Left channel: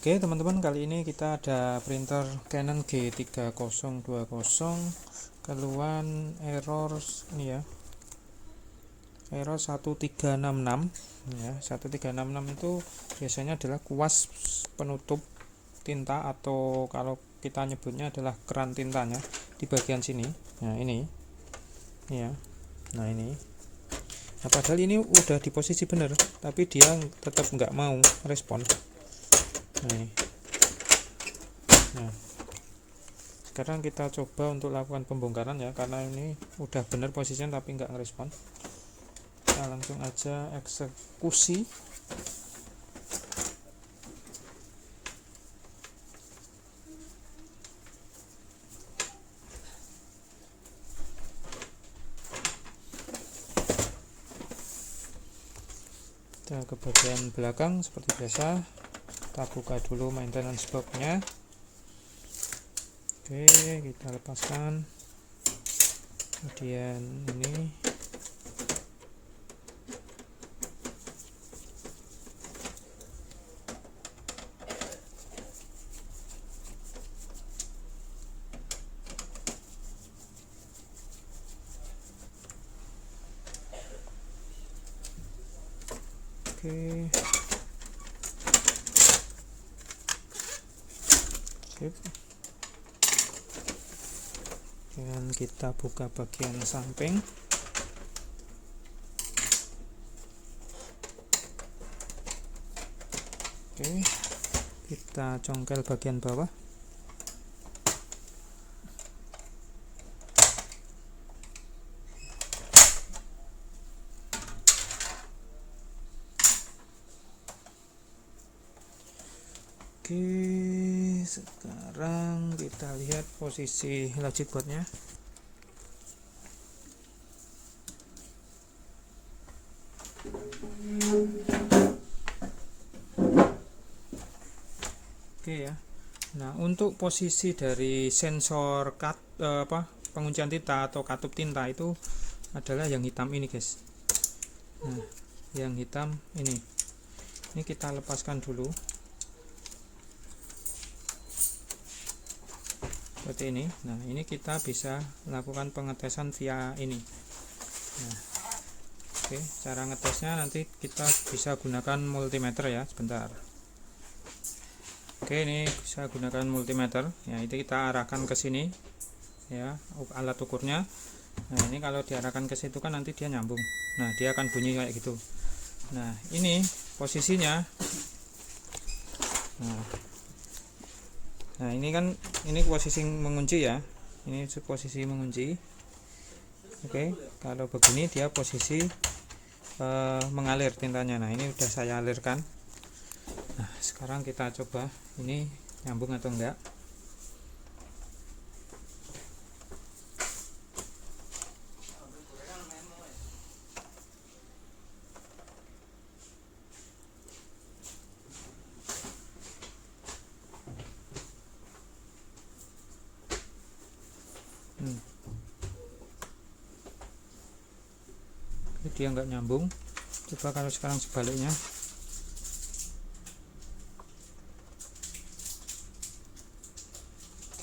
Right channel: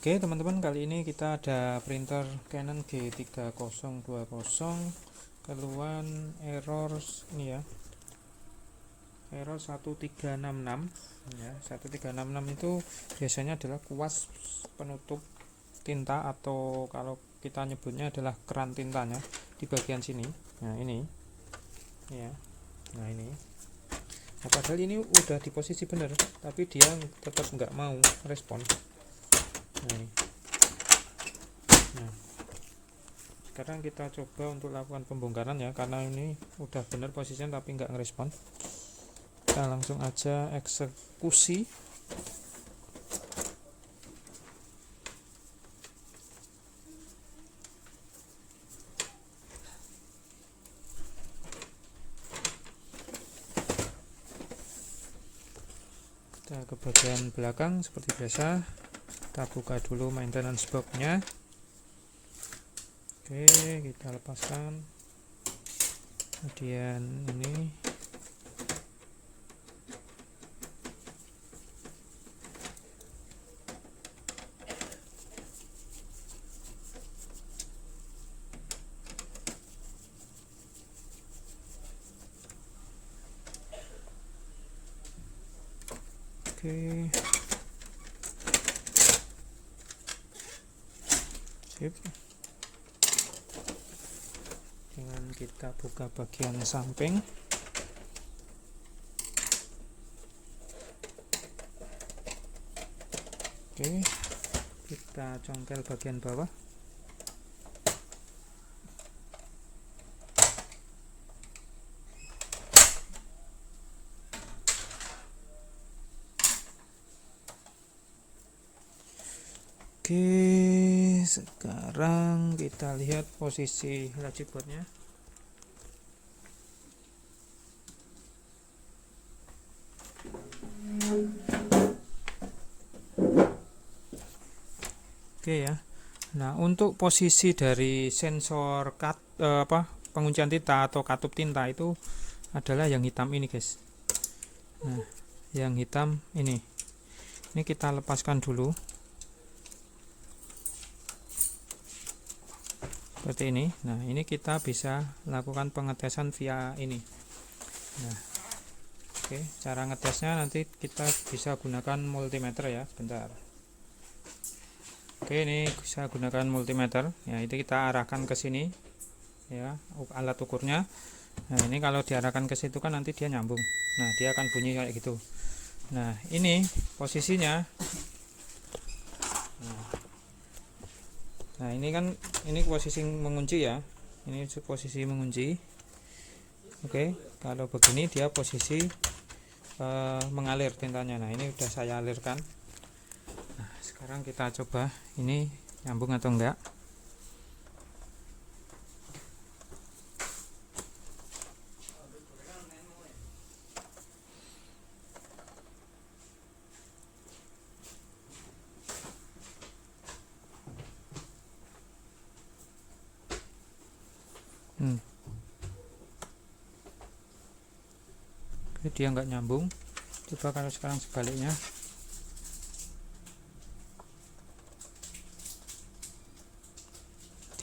Oke teman-teman, kali ini kita ada printer Canon G3020 keluhan error ini ya, error 1366 ya. 1366 itu biasanya adalah kuas penutup tinta, atau kalau kita nyebutnya adalah keran tintanya di bagian sini. Nah ini ya, nah ini. Nah, padahal ini udah di posisi benar, tapi dia tetap nggak mau respon. Nah, sekarang kita coba untuk lakukan pembongkaran ya, karena ini udah benar posisinya tapi nggak ngerespon. Kita langsung aja eksekusi. Kita ke bagian belakang seperti biasa. Kita buka dulu maintenance box-nya. Oke, kita lepaskan. Kemudian ini oke. Sip. Dan kita buka bagian samping. Oke, kita congkel bagian bawah. Oke, sekarang kita lihat posisi logic boardnya. Oke ya. Nah, untuk posisi dari sensor penguncian tinta atau katup tinta itu adalah yang hitam ini, guys. Nah, yang hitam ini kita lepaskan dulu seperti ini. Nah, ini kita bisa lakukan pengetesan via ini. Nah, oke, cara ngetesnya nanti kita bisa gunakan multimeter ya, sebentar. Oke, ini bisa gunakan multimeter ya, itu kita arahkan ke sini ya, alat ukurnya. Nah, ini kalau diarahkan ke situ kan nanti dia nyambung. Nah, dia akan bunyi kayak gitu. Nah, ini posisinya. Nah, ini kan ini posisi mengunci ya. Ini posisi mengunci. Oke, kalau begini dia posisi mengalir tintanya. Nah, ini udah saya alirkan. Nah, sekarang kita coba ini nyambung atau enggak. Dia nggak nyambung. Coba kalau sekarang sebaliknya.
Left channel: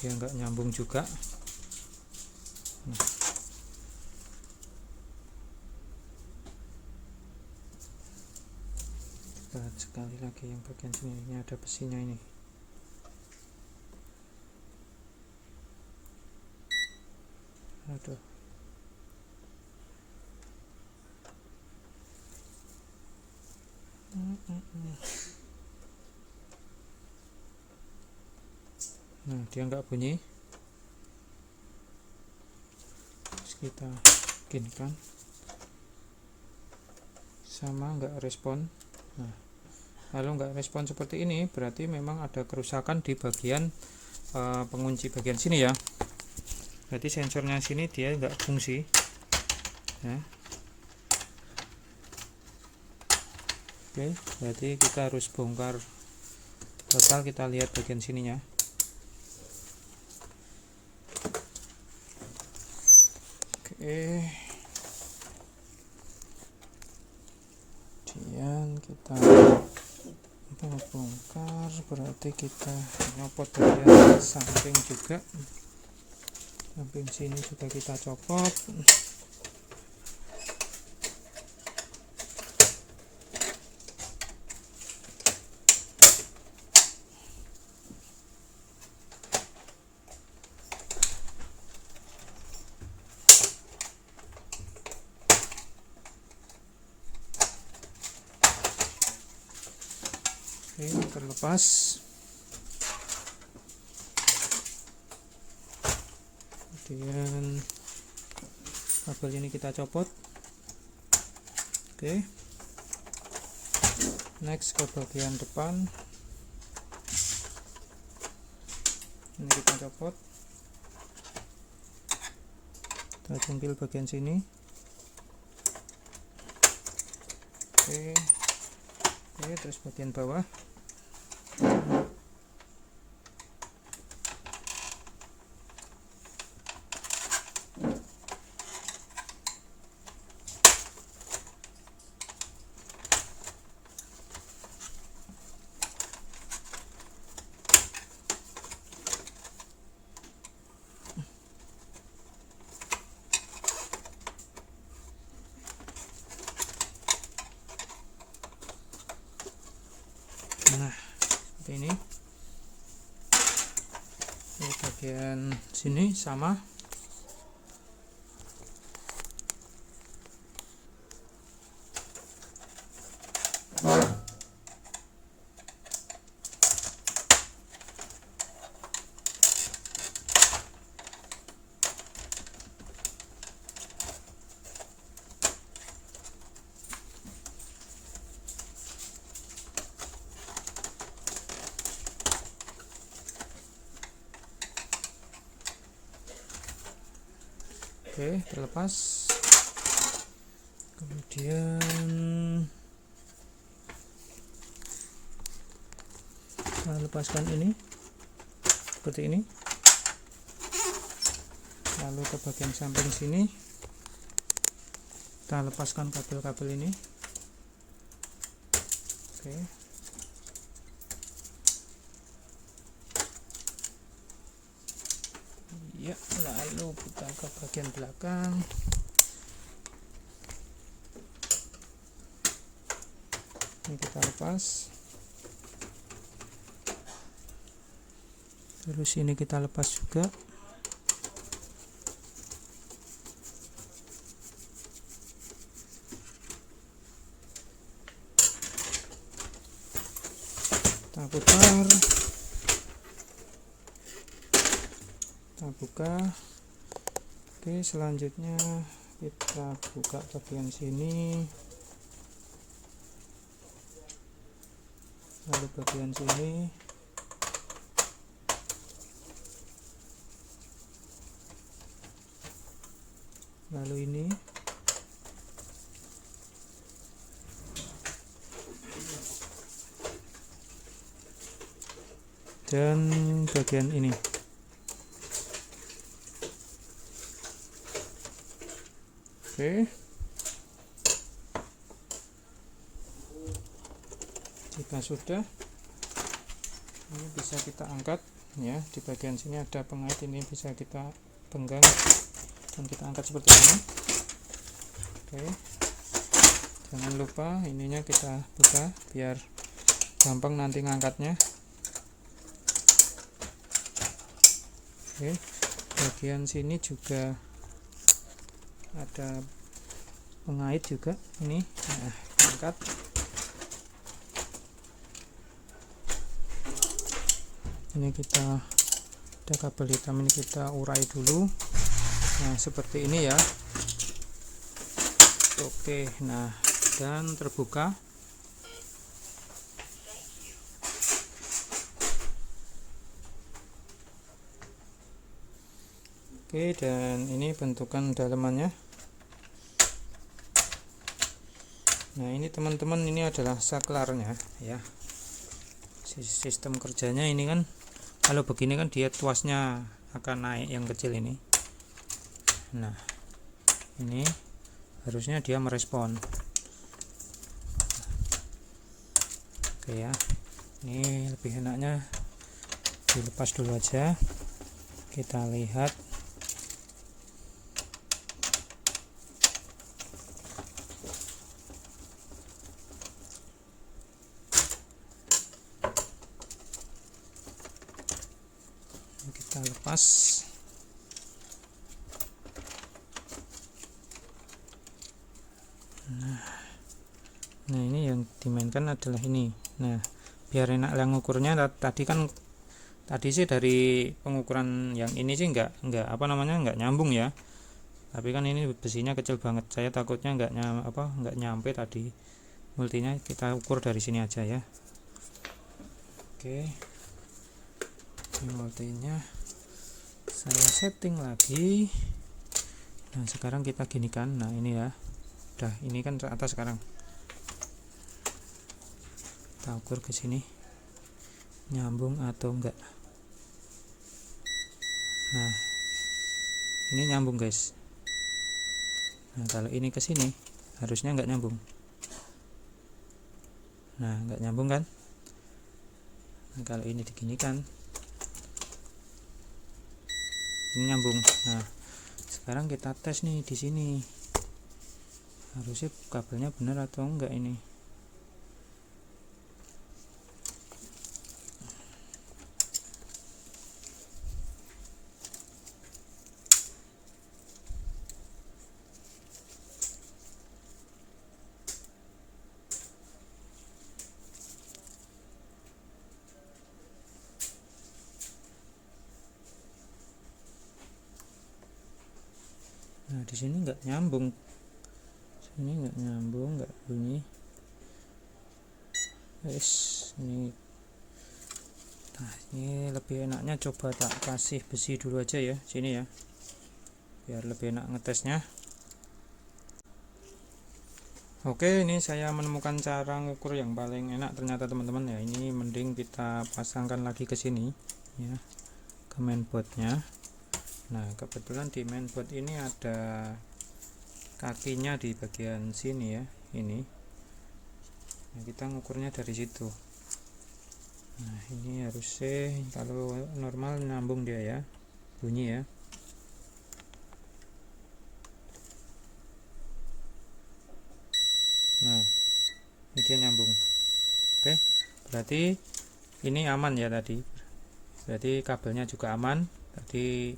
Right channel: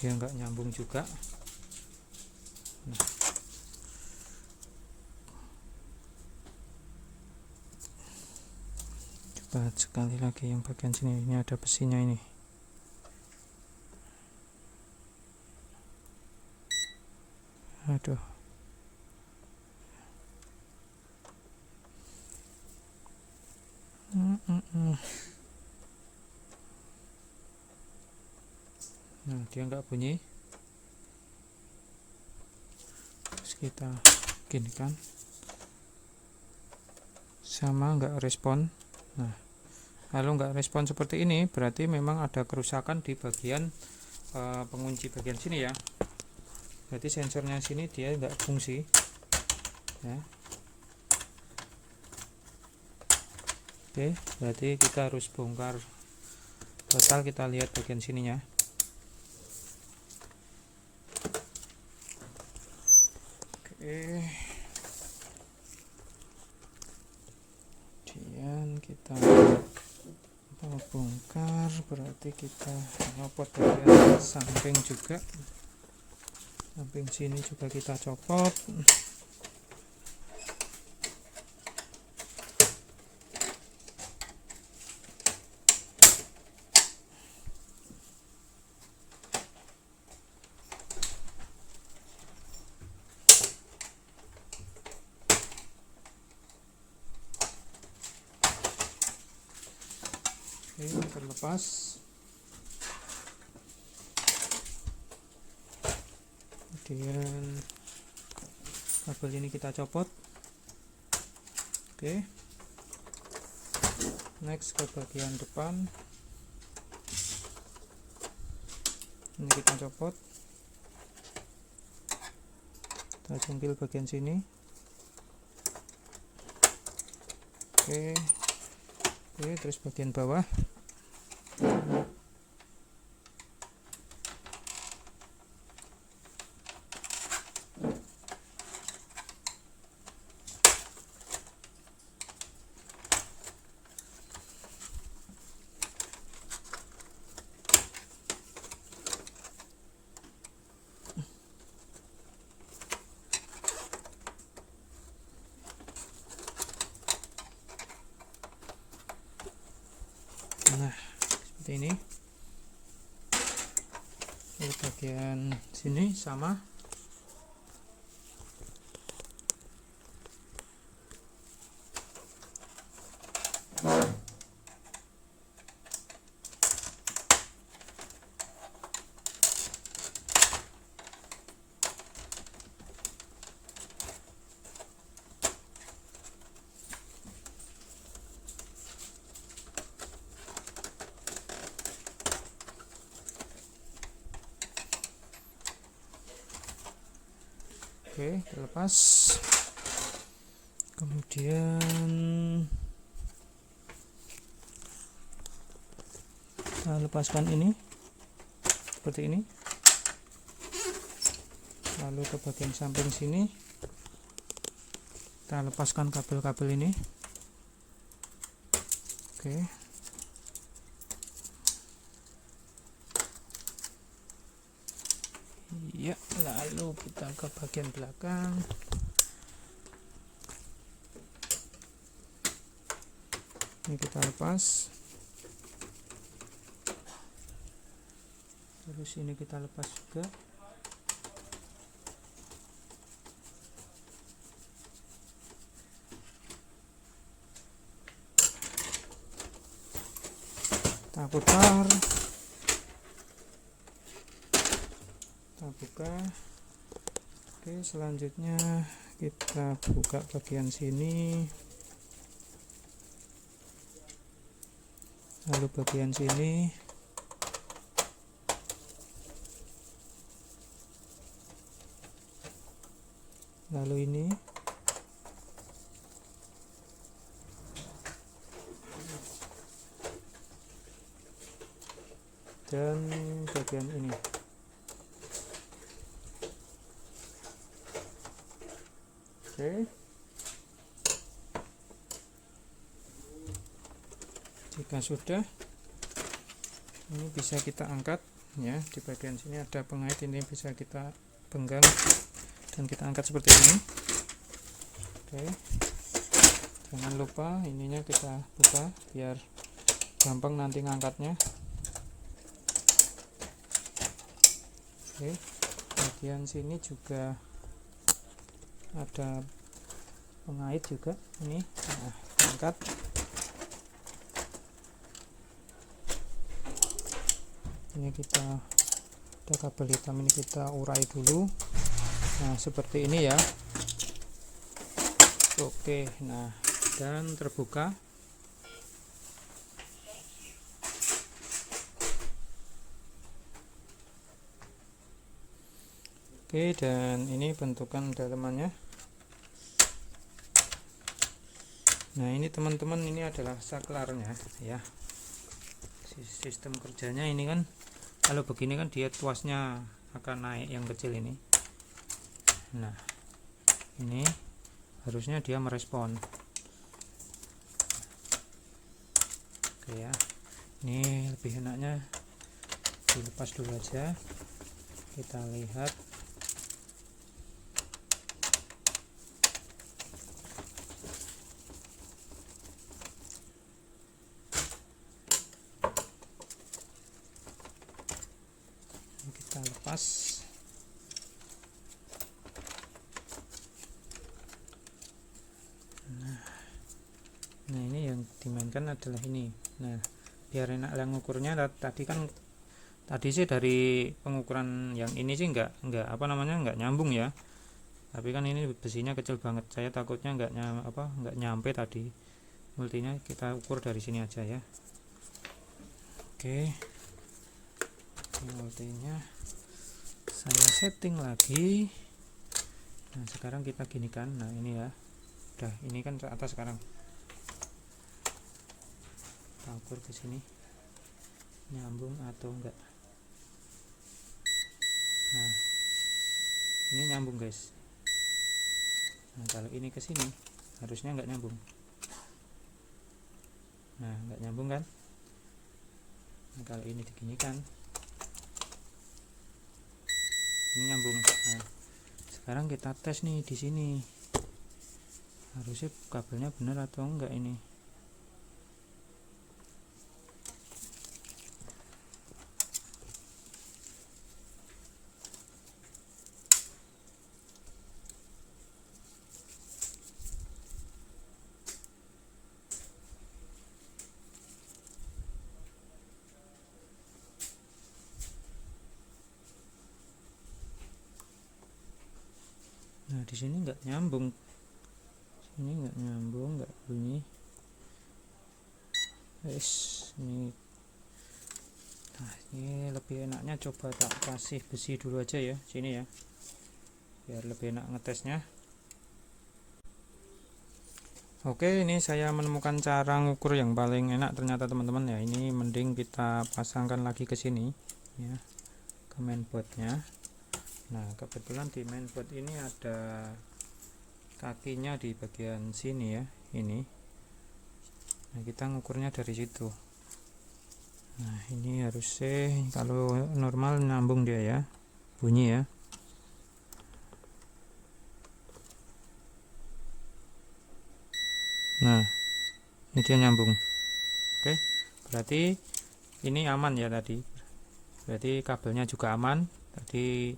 Dia nggak nyambung juga. Nah, coba sekali lagi yang bagian sini, ini ada besinya ini. Aduh. Nah, dia nggak bunyi. Terus kita ginikan, sama nggak respon. Nah, kalau nggak respon seperti ini berarti memang ada kerusakan di bagian pengunci bagian sini ya. Berarti sensornya sini dia nggak fungsi ya. Oke, berarti kita harus bongkar total. Kita lihat bagian sininya. Oke, kemudian kita bongkar, berarti kita nyopot bagian samping juga, samping sini juga kita copot. Oke, terlepas. Kemudian kabel ini kita copot. Oke, next ke bagian depan, ini kita copot, kita jungkil bagian sini. Oke, terus bagian bawah. Nah, seperti ini. Di bagian sini sama. Oke, terlepas. Kemudian kita lepaskan ini seperti ini, lalu ke bagian samping sini kita lepaskan kabel-kabel ini. Oke, ya, lalu kita ke bagian belakang. Ini kita lepas, terus ini kita lepas juga. Kita putar, kita buka. Oke, selanjutnya kita buka bagian sini, lalu bagian sini, lalu ini, dan bagian ini. Oke, jika sudah, ini bisa kita angkat ya. Di bagian sini ada pengait, ini bisa kita penggang dan kita angkat seperti ini. Oke, jangan lupa ininya kita buka biar gampang nanti ngangkatnya. Oke, bagian sini juga ada pengait juga ini. Nah, angkat. Ini kita ada kabel hitam, ini kita urai dulu. Nah, seperti ini ya. Oke, nah, dan terbuka. Oke, dan ini bentukan dalemannya. Nah, ini teman-teman, ini adalah saklarnya ya. Sistem kerjanya ini kan, kalau begini kan dia tuasnya akan naik yang kecil ini. Nah, ini harusnya dia merespon. Oke ya. Ini lebih enaknya dilepas dulu aja, kita lihat. Kita lepas. Nah ini yang dimainkan adalah ini. Nah biar enak yang ngukurnya, tadi sih dari pengukuran yang ini sih nggak nyambung ya, tapi kan ini besinya kecil banget, saya takutnya nggak nyampe tadi multinya. Kita ukur dari sini aja ya. Oke, ini multinya saya setting lagi. Nah sekarang kita ginikan. Nah ini ya, udah ini kan ke atas. Sekarang kita ukur ke sini nyambung atau enggak. Nah ini nyambung guys. Nah kalau ini ke sini harusnya enggak nyambung. Nah enggak nyambung kan. Nah, kalau ini diginikan ini nyambung. Nah sekarang kita tes nih di sini, harusnya kabelnya benar atau enggak ini. Nah di sini nggak nyambung, sini nggak nyambung, nggak bunyi. Ini. Nah ini lebih enaknya coba tak kasih besi dulu aja ya sini ya, biar lebih enak ngetesnya. Oke, ini saya menemukan cara ngukur yang paling enak ternyata teman-teman ya. Ini mending kita pasangkan lagi ke sini ya, ke mainboardnya. Nah kebetulan di mainboard ini ada kakinya di bagian sini ya, ini. Nah kita ngukurnya dari situ. Nah ini harusnya kalau normal nyambung dia ya, bunyi ya. Nah ini dia nyambung. Oke, berarti ini aman ya tadi. Berarti kabelnya juga aman. Tadi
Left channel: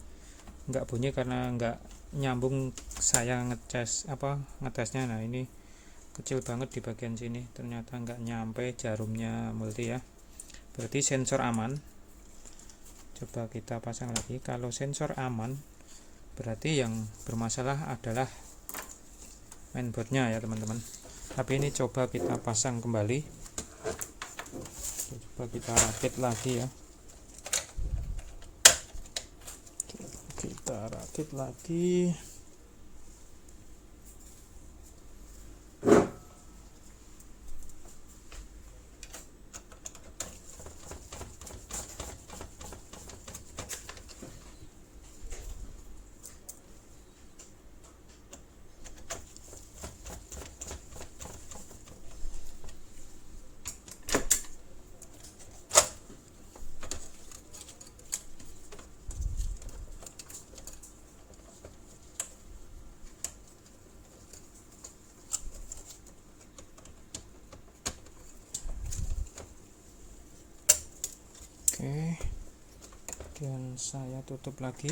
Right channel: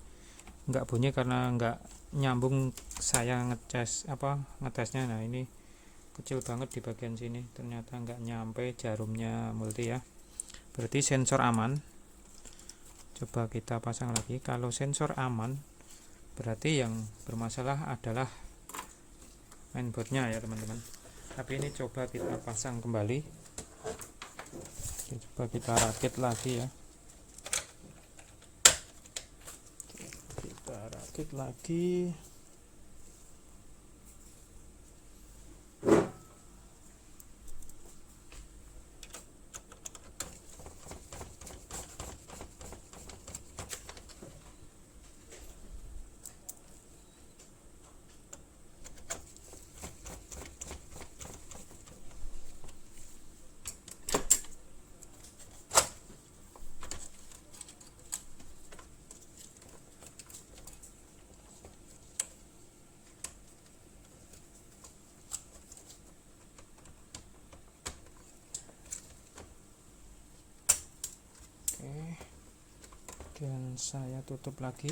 nggak bunyi karena nggak nyambung. Saya ngetesnya. Nah ini kecil banget di bagian sini, ternyata nggak nyampe jarumnya multi ya. Berarti sensor aman. Coba kita pasang lagi. Kalau sensor aman berarti yang bermasalah adalah mainboardnya ya teman-teman. Tapi ini coba kita pasang kembali, coba kita rakit lagi ya. Kita rakit lagi. Oke, kemudian saya tutup lagi.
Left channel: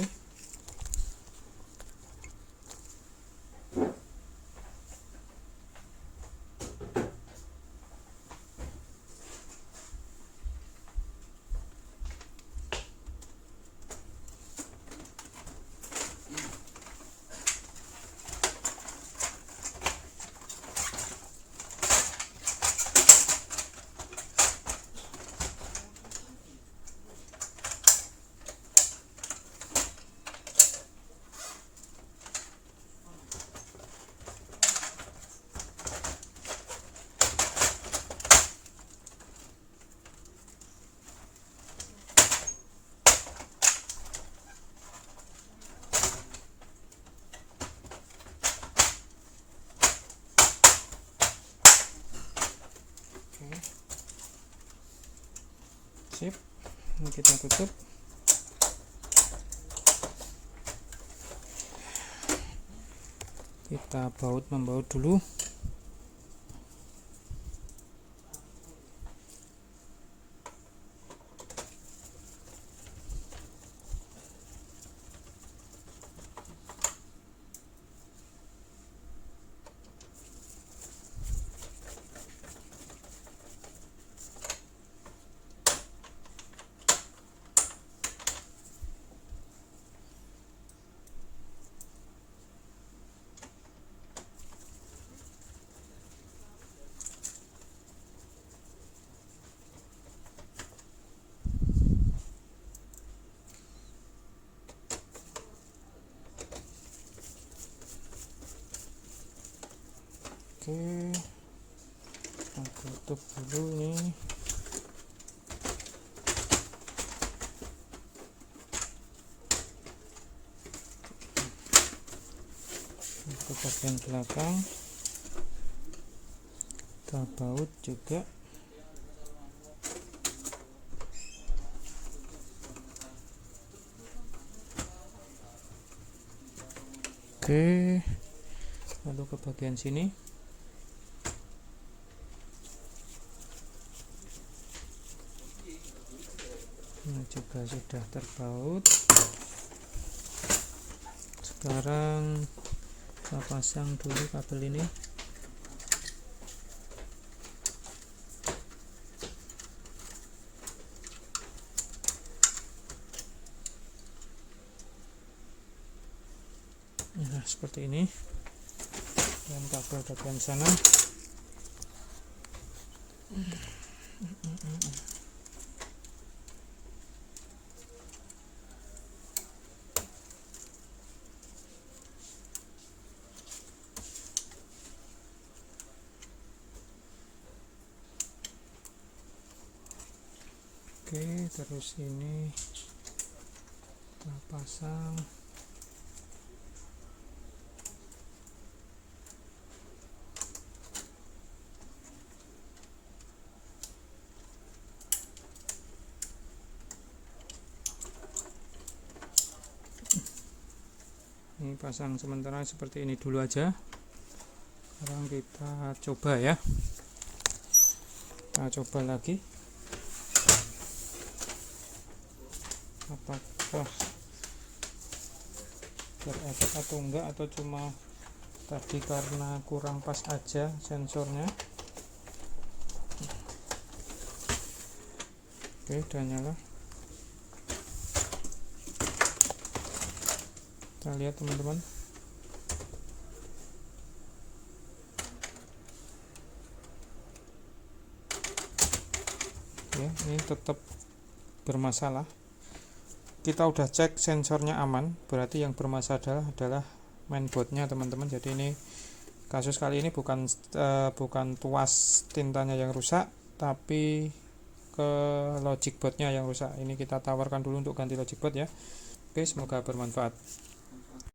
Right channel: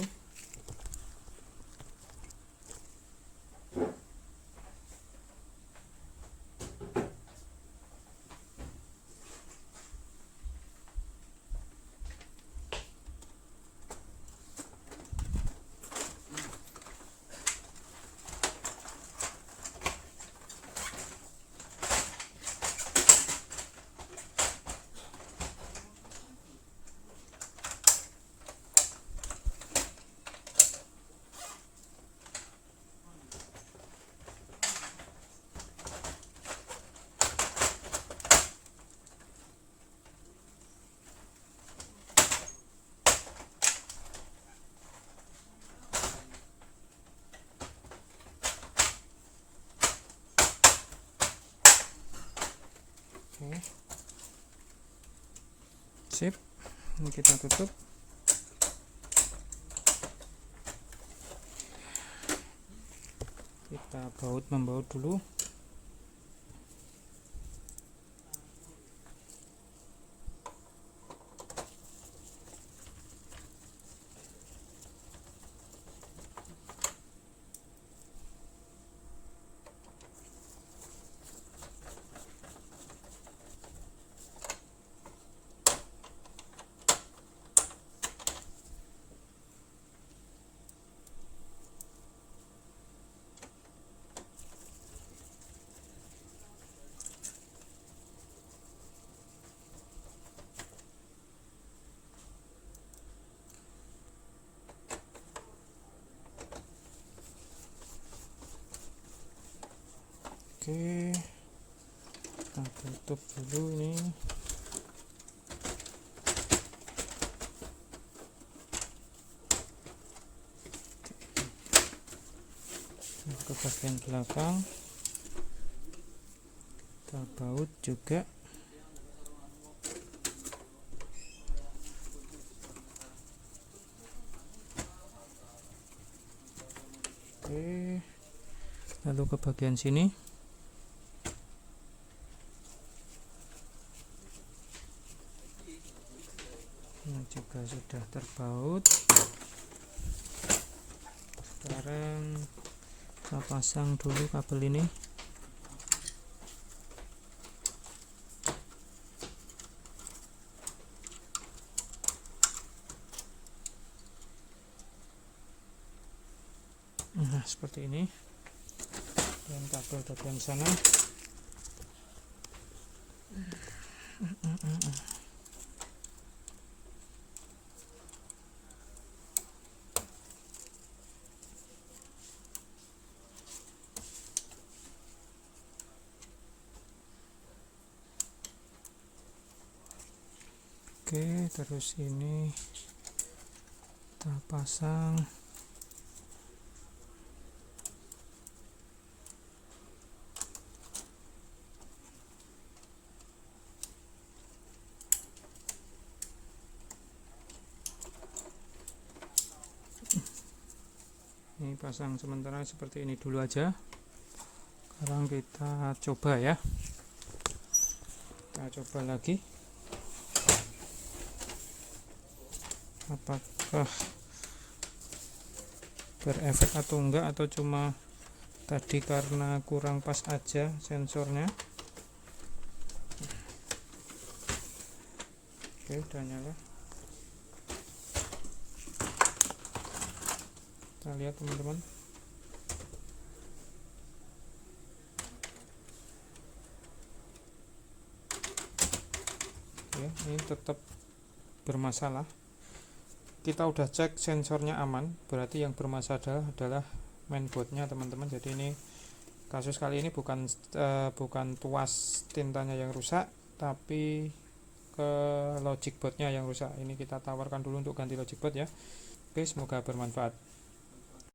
Sip, ini kita tutup. Kita membaut dulu. Oke, kita tutup dulu nih. Untuk bagian belakang kita baut juga. Oke, lalu ke bagian sini. Ini juga sudah terbaut. Sekarang kita pasang dulu kabel ini. Nah, seperti ini. Dan kabel bagian sana. Oke, terus ini kita pasang. Ini pasang sementara seperti ini dulu aja. Sekarang kita coba ya. Kita coba lagi. Apakah berefek atau enggak, atau cuma tadi karena kurang pas aja sensornya. Oke, udah nyala. Kita lihat teman-teman. Ya, ini tetap bermasalah. Kita udah cek sensornya aman, berarti yang bermasalah adalah mainboardnya teman-teman. Jadi ini kasus kali ini bukan tuas tintanya yang rusak, tapi ke logic boardnya yang rusak. Ini kita tawarkan dulu untuk ganti logic board ya. Oke, semoga bermanfaat.